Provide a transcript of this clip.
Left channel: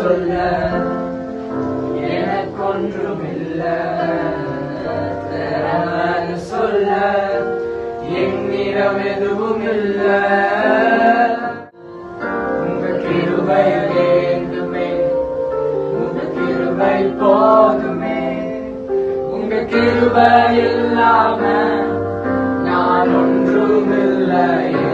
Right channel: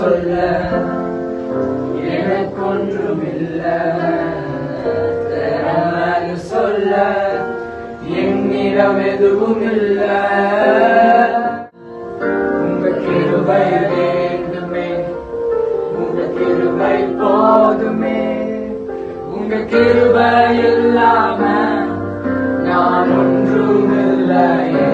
சொல்ல எனக்கொன்றுமில்ல, திறமைன்னு சொல்ல என்னிடம் எதுவும் இல்ல. உங்க கிருபை வேண்டுமே, உங்க கிருபை போதுமே, உங்க கிருபை இல்லாம நான் ஒன்றுமில்லையே.